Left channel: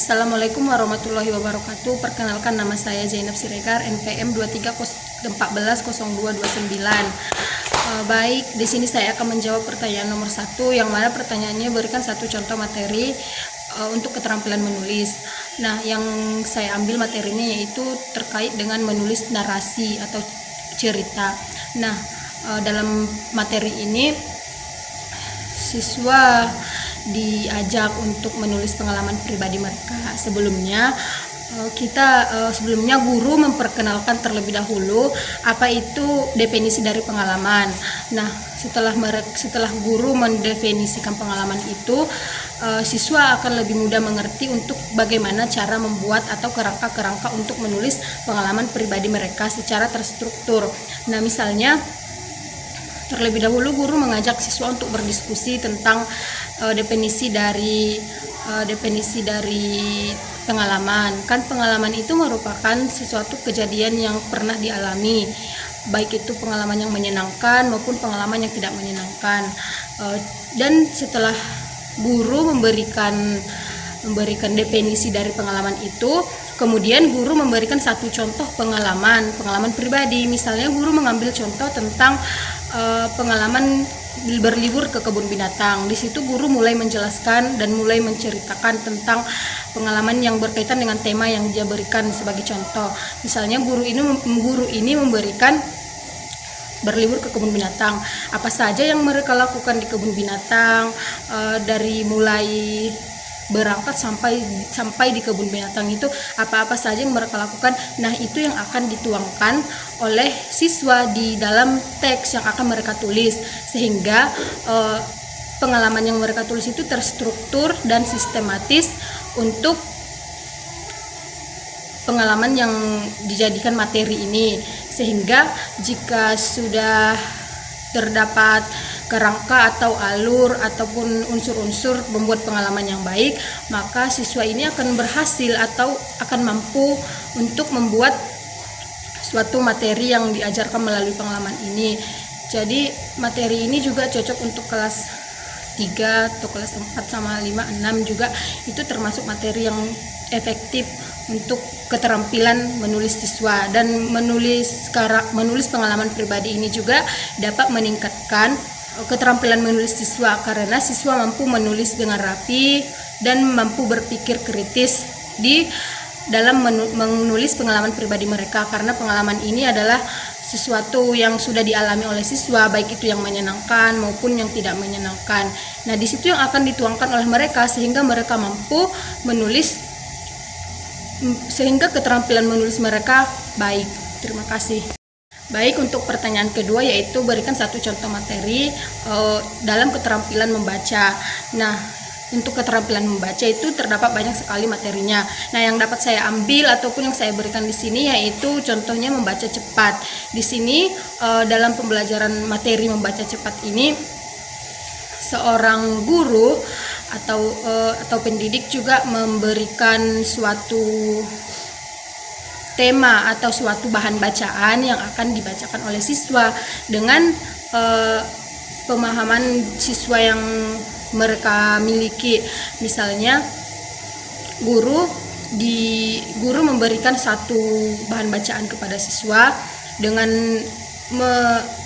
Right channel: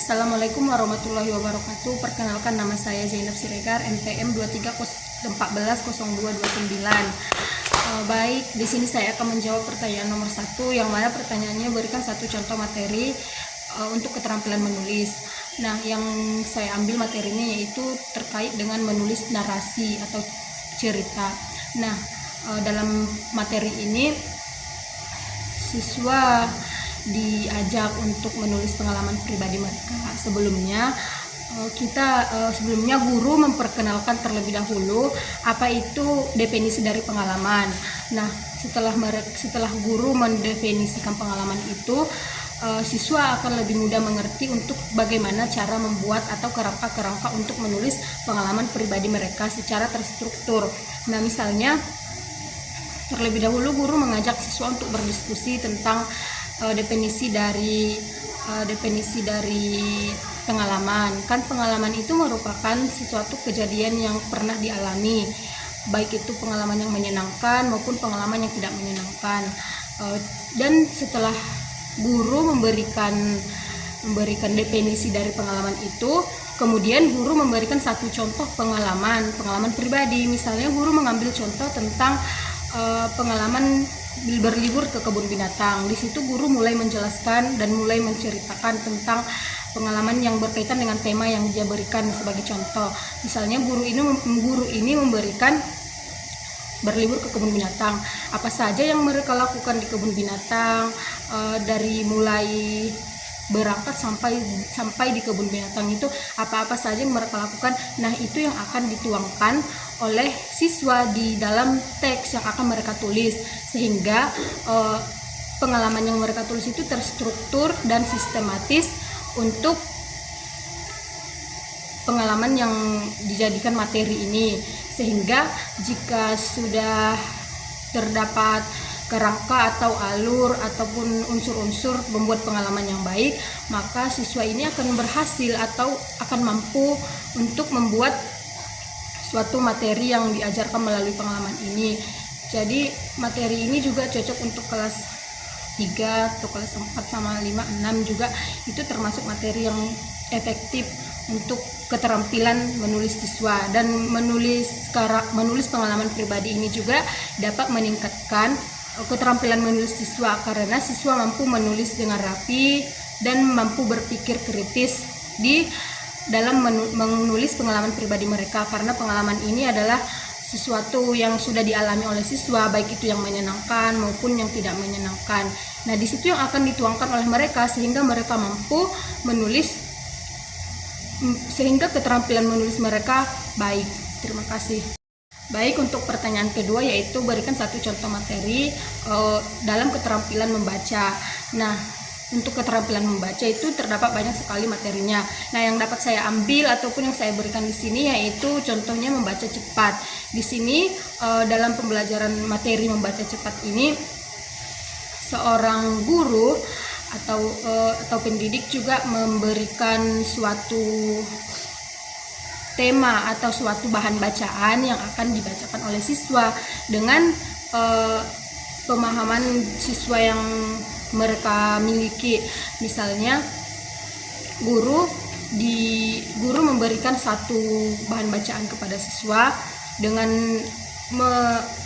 Assalamualaikum warahmatullahi wabarakatuh. Perkenalkan, nama saya Zainab Siregar, NPM 23140229. Baik, di sini saya akan menjawab pertanyaan nomor 1, yang mana pertanyaannya berikan satu contoh materi untuk keterampilan menulis. Nah, yang saya ambil materinya yaitu terkait dengan menulis narasi atau cerita. Nah, dalam materi ini siswa diajak untuk menulis pengalaman pribadi mereka. Sebelumnya guru memperkenalkan terlebih dahulu apa itu definisi dari pengalaman. Nah, setelah guru mendefinisikan pengalaman itu, siswa akan lebih mudah mengerti untuk bagaimana cara membuat atau kerangka-kerangka untuk menulis pengalaman pribadi mereka secara terstruktur. Nah, misalnya terlebih dahulu guru mengajak siswa untuk berdiskusi tentang definisi dari pengalaman. Kan pengalaman itu merupakan sesuatu kejadian yang pernah dialami, baik itu pengalaman yang menyenangkan maupun pengalaman yang tidak menyenangkan. Dan setelah guru memberikan definisi dari pengalaman itu, kemudian guru memberikan satu contoh pengalaman pribadi. Misalnya guru mengambil contoh tentang pengalaman berlibur ke kebun binatang. Di situ guru mulai menjelaskan dan mulai menceritakan tentang pengalaman yang berkaitan dengan tema yang dia berikan sebagai contoh. Misalnya guru ini memberikan berlibur ke kebun binatang. Apa saja yang mereka lakukan di kebun binatang, dari mulai berangkat sampai di kebun binatang itu apa-apa saja yang mereka lakukan. Nah, itu yang akan dituangkan oleh siswa di dalam teks yang akan mereka tulis, sehingga pengalaman yang mereka tulis itu terstruktur dan sistematis untuk pengalaman yang dijadikan materi ini. Sehingga jika sudah terdapat kerangka atau alur ataupun unsur-unsur membuat pengalaman yang baik, maka siswa ini akan berhasil atau akan mampu untuk membuat suatu materi yang diajarkan melalui pengalaman ini. Jadi materi ini juga cocok untuk kelas 3 atau kelas 4 sama 5, 6 juga. Itu termasuk materi yang efektif untuk keterampilan menulis siswa. Dan menulis pengalaman pribadi ini juga dapat meningkatkan keterampilan menulis siswa, karena siswa mampu menulis dengan rapi dan mampu berpikir kritis di dalam menulis pengalaman pribadi mereka, karena pengalaman ini adalah sesuatu yang sudah dialami oleh siswa, baik itu yang menyenangkan maupun yang tidak menyenangkan. Nah, di situ yang akan dituangkan oleh mereka sehingga mereka mampu menulis, sehingga keterampilan menulis mereka baik. Terima kasih. Baik, untuk pertanyaan kedua yaitu berikan satu contoh materi dalam keterampilan membaca. Nah, untuk keterampilan membaca itu terdapat banyak sekali materinya. Nah, yang dapat saya ambil ataupun yang saya berikan di sini yaitu contohnya membaca cepat. Di sini dalam pembelajaran materi membaca cepat ini, seorang guru atau pendidik juga memberikan suatu tema atau suatu bahan bacaan yang akan dibacakan oleh siswa dengan pemahaman siswa yang mereka miliki. Misalnya guru memberikan satu bahan bacaan kepada siswa dengan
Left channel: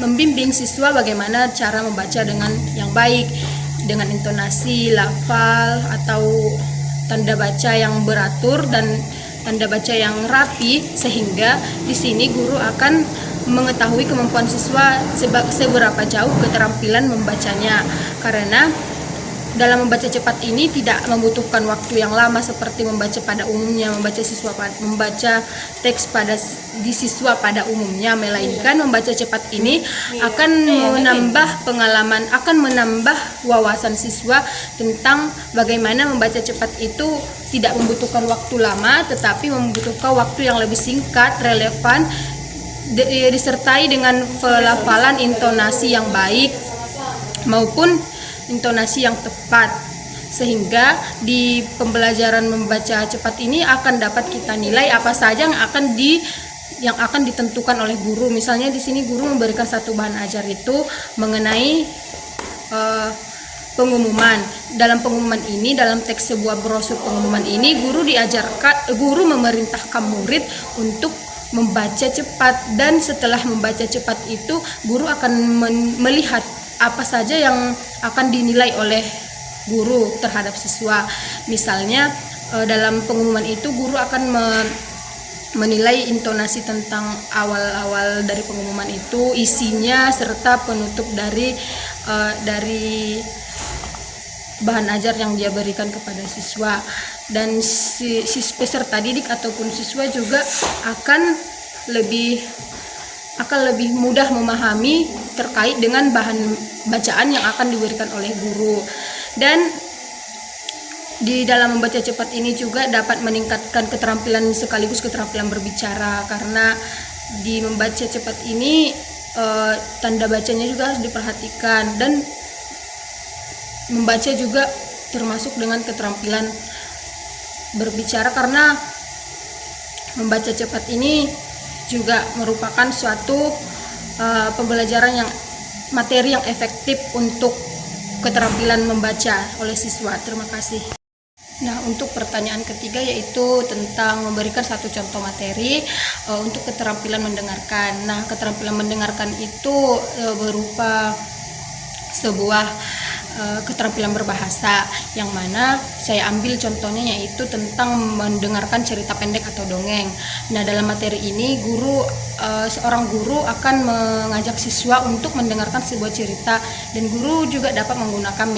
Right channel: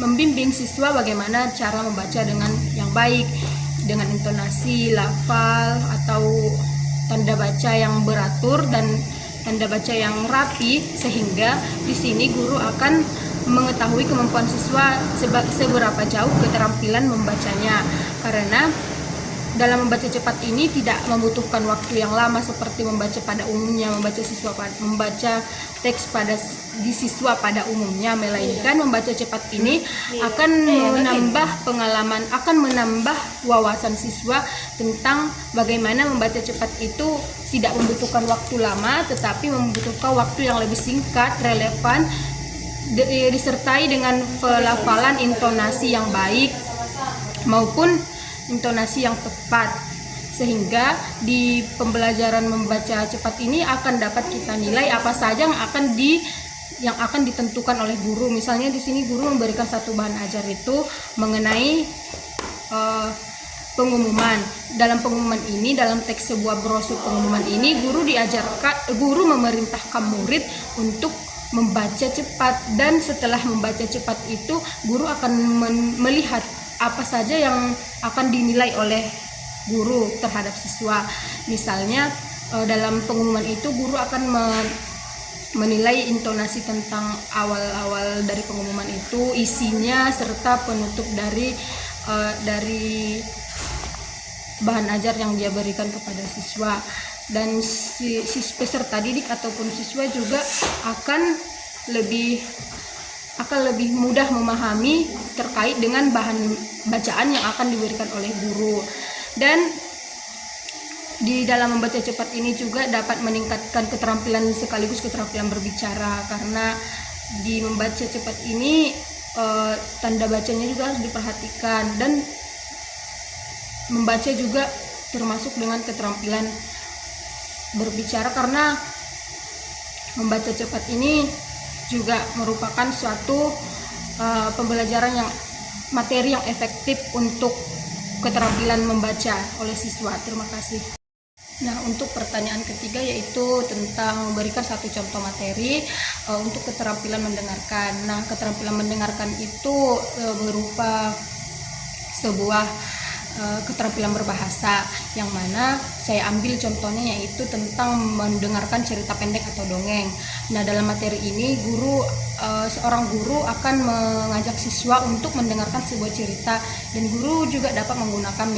membimbing siswa bagaimana cara membaca dengan yang baik, dengan intonasi, lafal atau tanda baca yang beratur dan tanda baca yang rapi, sehingga di sini guru akan mengetahui kemampuan siswa seberapa jauh keterampilan membacanya, karena dalam membaca cepat ini tidak membutuhkan waktu yang lama seperti membaca pada umumnya, membaca teks di siswa pada umumnya, melainkan membaca cepat ini akan menambah pengalaman, akan menambah wawasan siswa tentang bagaimana membaca cepat itu tidak membutuhkan waktu lama, tetapi membutuhkan waktu yang lebih singkat, relevan, disertai dengan pelafalan intonasi yang baik maupun intonasi yang tepat, sehingga di pembelajaran membaca cepat ini akan dapat kita nilai apa saja yang akan ditentukan oleh guru. Misalnya di sini guru memberikan satu bahan ajar itu mengenai pengumuman. Dalam pengumuman ini, dalam teks sebuah brosur pengumuman ini, guru memerintahkan murid untuk membaca cepat, dan setelah membaca cepat itu guru akan melihat apa saja yang akan dinilai oleh guru terhadap siswa. Misalnya dalam pengumuman itu guru akan menilai intonasi tentang awal-awal dari pengumuman itu, isinya, serta penutup dari bahan ajar yang dia berikan kepada siswa. Dan peserta didik ataupun siswa juga akan lebih mudah memahami terkait dengan bahan bacaan yang akan diberikan oleh guru. Dan di dalam membaca cepat ini juga dapat meningkatkan keterampilan sekaligus keterampilan berbicara, karena di membaca cepat ini tanda bacanya juga harus diperhatikan, dan membaca juga termasuk dengan keterampilan berbicara, karena membaca cepat ini juga merupakan suatu pembelajaran materi yang efektif untuk keterampilan membaca oleh siswa. Terima kasih. Nah, untuk pertanyaan ketiga yaitu tentang memberikan satu contoh materi untuk keterampilan mendengarkan. Nah, keterampilan mendengarkan itu berupa sebuah keterampilan berbahasa, yang mana saya ambil contohnya yaitu tentang mendengarkan cerita pendek atau dongeng. Nah, dalam materi ini seorang guru akan mengajak siswa untuk mendengarkan sebuah cerita, dan guru juga dapat menggunakan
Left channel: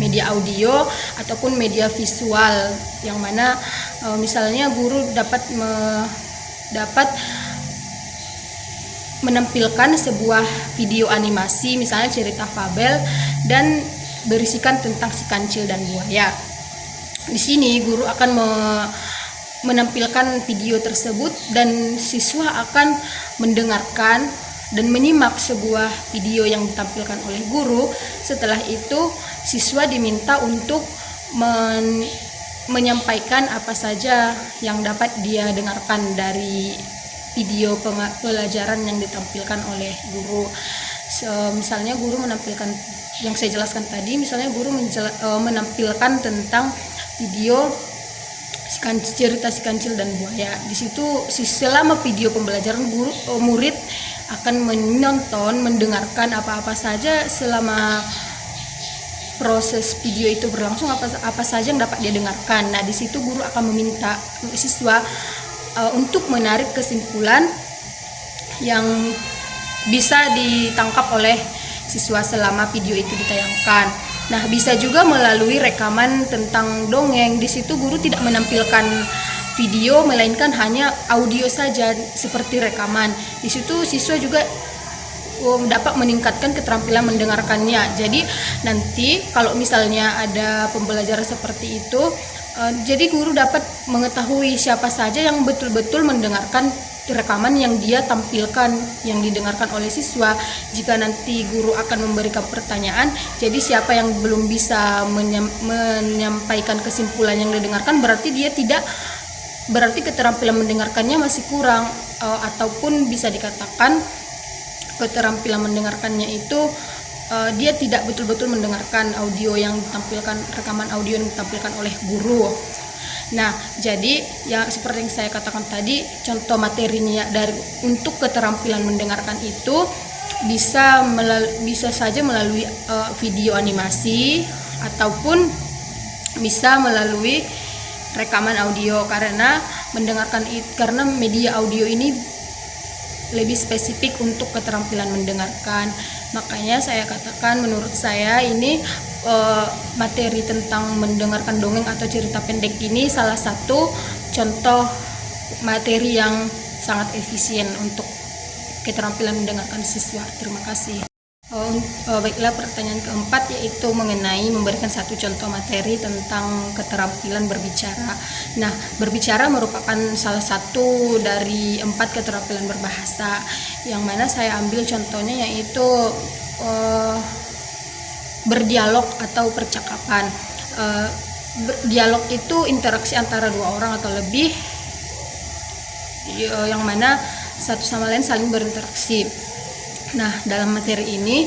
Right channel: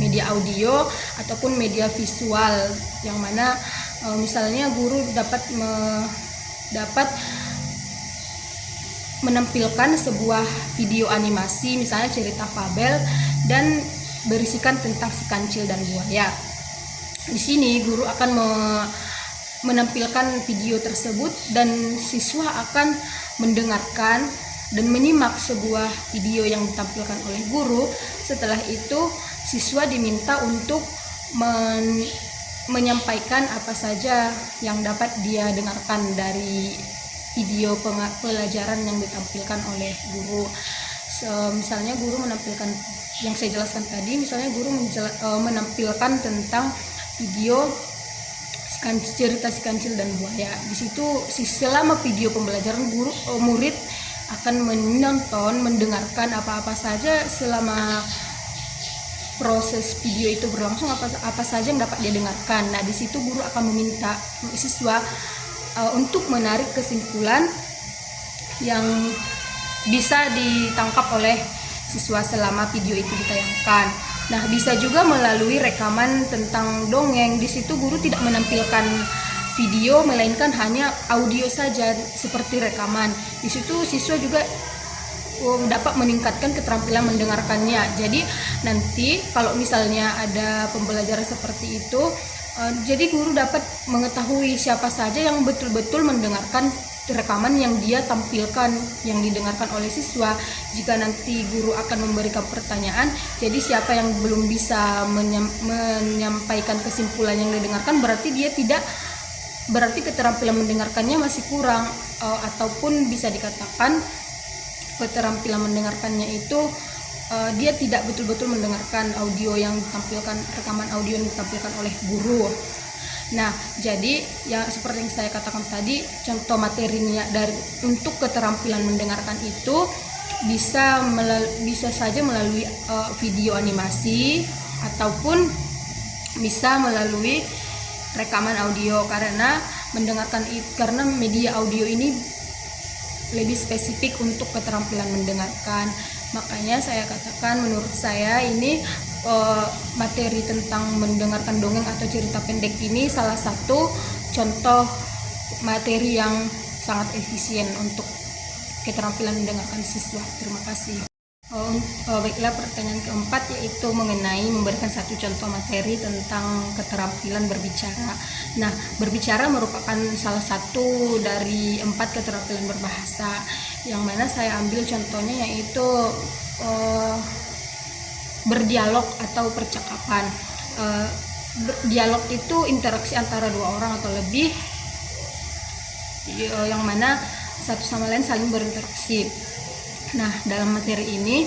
media audio ataupun media visual, yang mana misalnya guru dapat menampilkan sebuah video animasi, misalnya cerita fabel, dan berisikan tentang si kancil dan buaya. Di sini guru akan menampilkan video tersebut, dan siswa akan mendengarkan dan menyimak sebuah video yang ditampilkan oleh guru. Setelah itu siswa diminta untuk menyampaikan apa saja yang dapat dia dengarkan dari video pelajaran yang ditampilkan oleh guru. Misalnya guru menampilkan yang saya jelaskan tadi, misalnya guru menampilkan tentang video cerita si kancil dan buaya. Di situ selama video pembelajaran murid akan mendengarkan apa-apa saja selama proses video itu berlangsung, apa saja yang dapat dia dengarkan. Nah, di situ guru akan meminta siswa untuk menarik kesimpulan yang bisa ditangkap oleh siswa selama video itu ditayangkan. Nah, bisa juga melalui rekaman tentang dongeng. Di situ guru tidak menampilkan video, melainkan hanya audio saja seperti rekaman. Di situ siswa juga dapat meningkatkan keterampilan mendengarkannya. Jadi nanti kalau misalnya ada pembelajaran seperti itu, jadi guru dapat mengetahui siapa saja yang betul-betul mendengarkan rekaman yang dia tampilkan, yang didengarkan oleh siswa. Jika nanti guru akan memberikan pertanyaan, jadi siapa yang belum bisa menyampaikan kesimpulan yang didengarkan, berarti keterampilan mendengarkannya masih kurang, ataupun bisa dikatakan keterampilan mendengarkannya itu dia tidak betul-betul mendengarkan audio yang ditampilkan, rekaman audio yang ditampilkan oleh guru. Nah, jadi ya seperti yang saya katakan tadi, contoh materinya untuk keterampilan mendengarkan itu bisa saja melalui video animasi ataupun bisa melalui rekaman audio, karena media audio ini lebih spesifik untuk keterampilan mendengarkan. Makanya saya katakan, menurut saya ini materi tentang mendengarkan dongeng atau cerita pendek ini salah satu contoh materi yang sangat efisien untuk keterampilan mendengarkan siswa. Terima kasih. Baiklah, pertanyaan keempat yaitu mengenai memberikan satu contoh materi tentang keterampilan berbicara. Nah, berbicara merupakan salah satu dari 4 keterampilan berbahasa, yang mana saya ambil contohnya yaitu berdialog atau percakapan. Dialog itu interaksi antara dua orang atau lebih, yang mana satu sama lain saling berinteraksi. Nah, dalam materi ini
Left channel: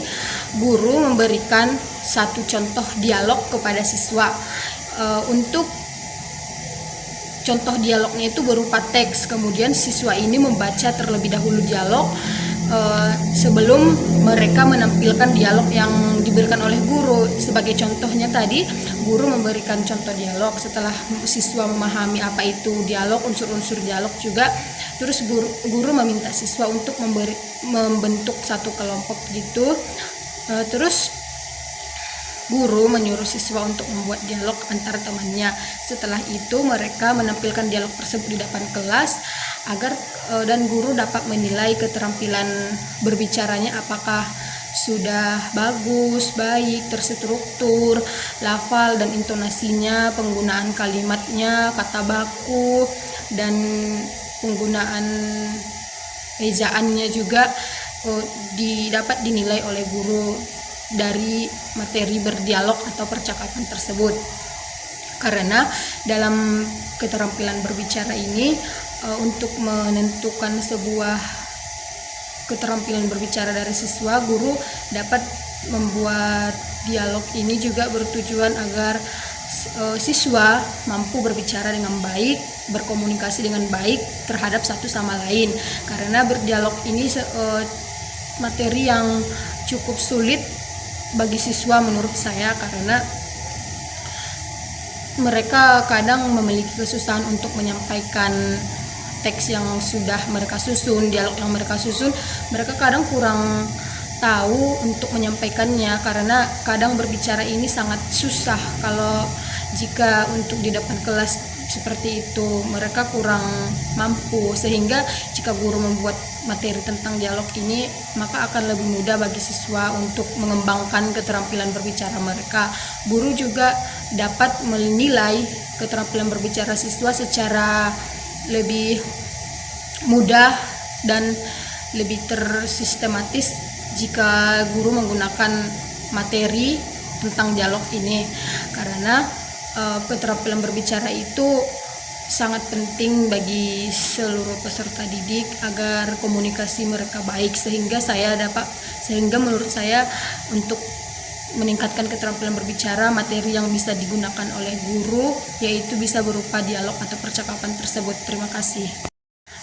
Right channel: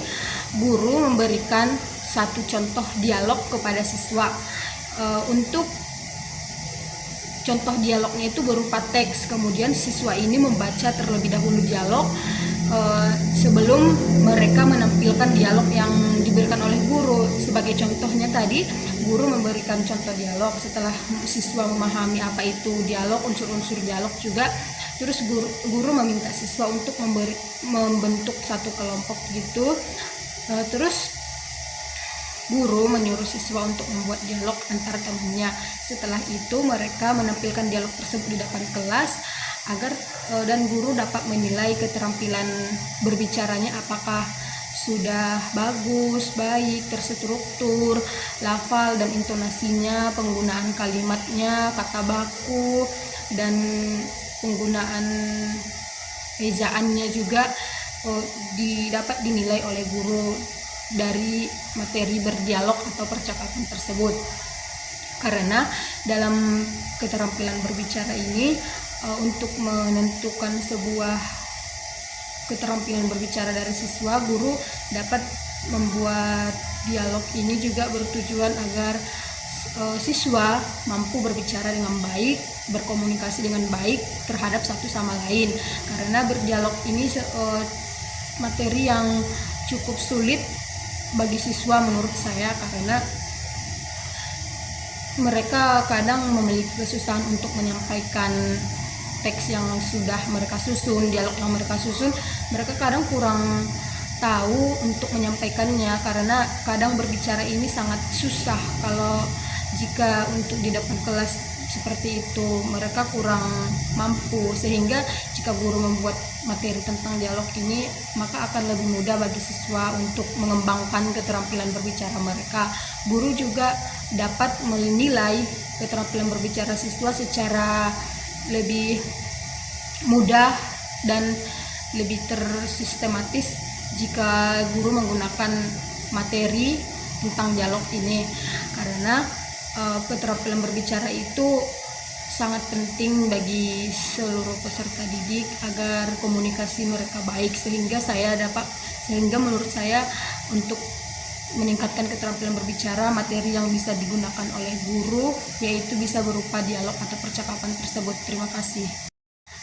guru memberikan satu contoh dialog kepada siswa. Untuk contoh dialognya itu berupa teks, kemudian siswa ini membaca terlebih dahulu dialog sebelum mereka menampilkan dialog yang diberikan oleh guru. Sebagai contohnya tadi, guru memberikan contoh dialog, setelah siswa memahami apa itu dialog, unsur-unsur dialog juga, terus guru meminta siswa untuk membentuk satu kelompok gitu. Terus guru menyuruh siswa untuk membuat dialog antar temannya. Setelah itu mereka menampilkan dialog tersebut di depan kelas agar dan guru dapat menilai keterampilan berbicaranya apakah sudah bagus, baik, terstruktur, lafal dan intonasinya, penggunaan kalimatnya, kata baku, dan penggunaan ejaannya juga dapat dinilai oleh guru dari materi berdialog atau percakapan tersebut. Karena dalam keterampilan berbicara ini, untuk menentukan sebuah keterampilan berbicara dari siswa, guru dapat membuat dialog ini juga bertujuan agar siswa mampu berbicara dengan baik, berkomunikasi dengan baik terhadap satu sama lain. Karena berdialog ini materi yang cukup sulit bagi siswa menurut saya, karena mereka kadang memiliki kesusahan untuk menyampaikan teks yang sudah mereka susun, dialog yang mereka susun, mereka kadang kurang tahu untuk menyampaikannya, karena kadang berbicara ini sangat susah. Kalau jika untuk di depan kelas seperti itu mereka kurang mampu, sehingga jika guru membuat materi tentang dialog ini, maka akan lebih mudah bagi siswa untuk mengembangkan keterampilan berbicara mereka. Guru juga dapat menilai keterampilan berbicara siswa secara lebih mudah dan lebih tersistematis jika guru menggunakan materi tentang dialog ini, karena keterampilan berbicara itu sangat penting bagi seluruh peserta didik agar komunikasi mereka baik, sehingga menurut saya untuk meningkatkan keterampilan berbicara, materi yang bisa digunakan oleh guru yaitu bisa berupa dialog atau percakapan tersebut. Terima kasih.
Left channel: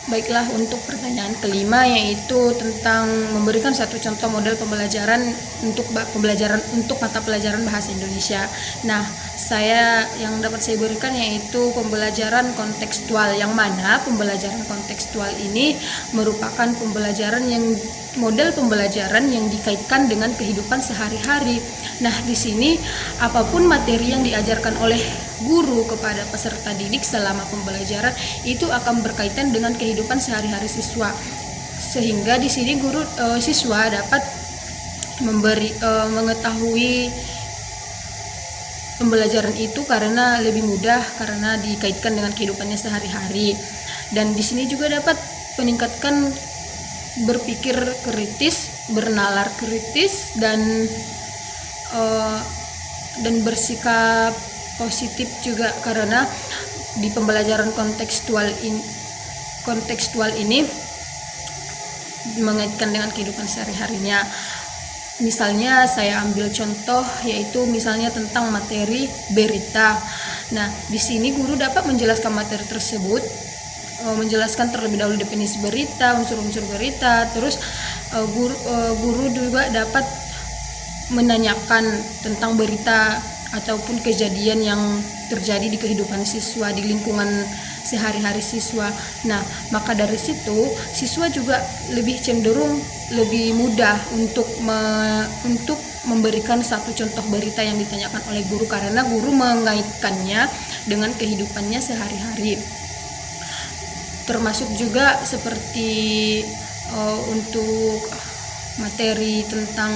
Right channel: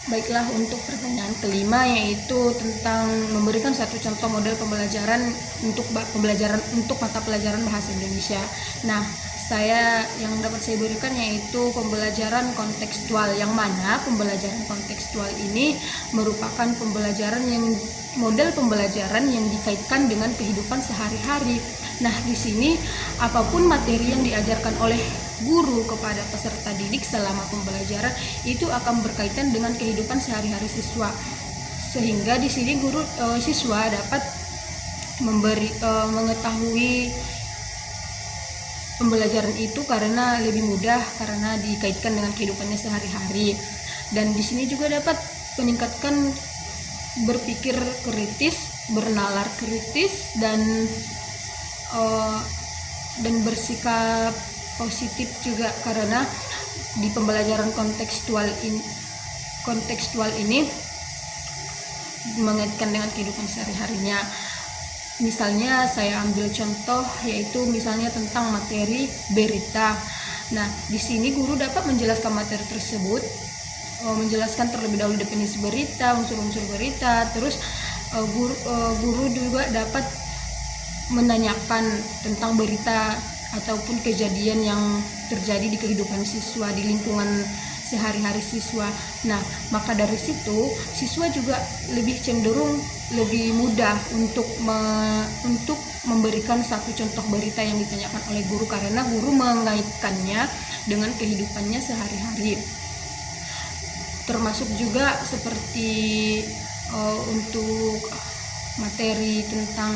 Baiklah, untuk pertanyaan kelima yaitu tentang memberikan satu contoh model pembelajaran untuk mata pelajaran bahasa Indonesia. Nah, yang dapat saya berikan yaitu pembelajaran kontekstual, yang mana pembelajaran kontekstual ini merupakan model pembelajaran yang dikaitkan dengan kehidupan sehari-hari. Nah, di sini apapun materi yang diajarkan oleh guru kepada peserta didik selama pembelajaran itu akan berkaitan dengan kehidupan sehari-hari siswa, sehingga di sini siswa dapat mengetahui pembelajaran itu karena lebih mudah, karena dikaitkan dengan kehidupannya sehari-hari. Dan di sini juga dapat meningkatkan berpikir kritis, bernalar kritis, dan bersikap positif juga, karena di pembelajaran kontekstual ini mengaitkan dengan kehidupan sehari-harinya. Misalnya saya ambil contoh yaitu misalnya tentang materi berita. Nah, di sini guru dapat menjelaskan materi tersebut, menjelaskan terlebih dahulu definisi berita, unsur-unsur berita, terus guru juga dapat menanyakan tentang berita ataupun kejadian yang terjadi di kehidupan siswa, di lingkungan sehari-hari siswa. Nah, maka dari situ siswa juga lebih cenderung lebih mudah untuk memberikan satu contoh berita yang ditanyakan oleh guru, karena guru mengaitkannya dengan kehidupannya sehari-hari. Termasuk juga seperti untuk materi tentang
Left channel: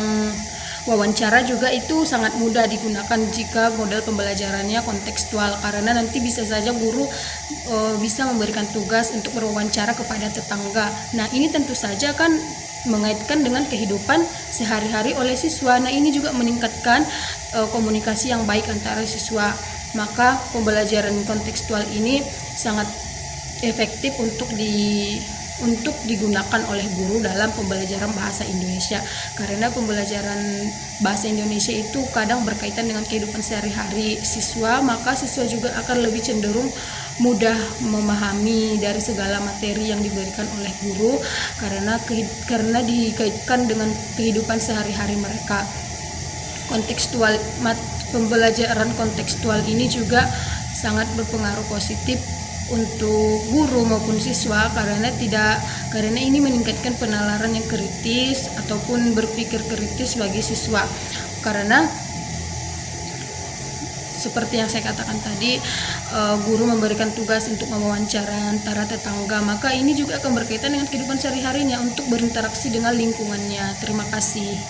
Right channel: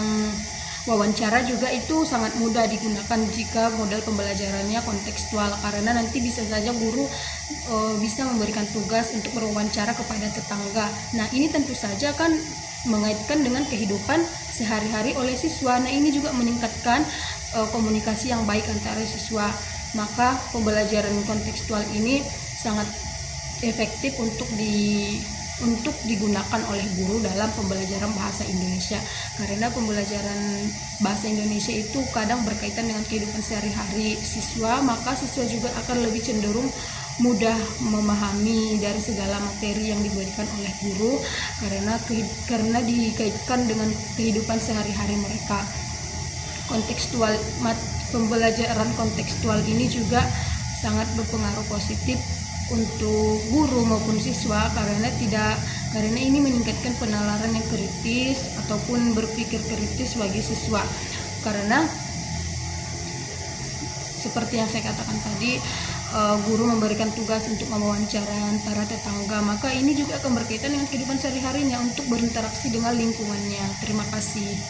wawancara juga itu sangat mudah digunakan jika model pembelajarannya kontekstual, karena nanti bisa saja guru bisa memberikan tugas untuk berwawancara kepada tetangga. Nah, ini tentu saja kan mengaitkan dengan kehidupan sehari-hari oleh siswa. Nah, ini juga meningkatkan komunikasi yang baik antara siswa. Maka pembelajaran kontekstual ini sangat efektif untuk untuk digunakan oleh guru dalam pembelajaran bahasa Indonesia, karena pembelajaran bahasa Indonesia itu kadang berkaitan dengan kehidupan sehari-hari siswa, maka siswa juga akan lebih cenderung mudah memahami dari segala materi yang diberikan oleh guru karena dikaitkan dengan kehidupan sehari-hari mereka. Pembelajaran kontekstual ini juga sangat berpengaruh positif untuk guru maupun siswa karena ini meningkatkan penalaran yang kritis ataupun berpikir kritis bagi siswa, karena seperti yang saya katakan tadi, guru memberikan tugas untuk mewawancara antara tetangga, maka ini juga akan berkaitan dengan kehidupan sehari-harinya untuk berinteraksi dengan lingkungannya. Terima kasih.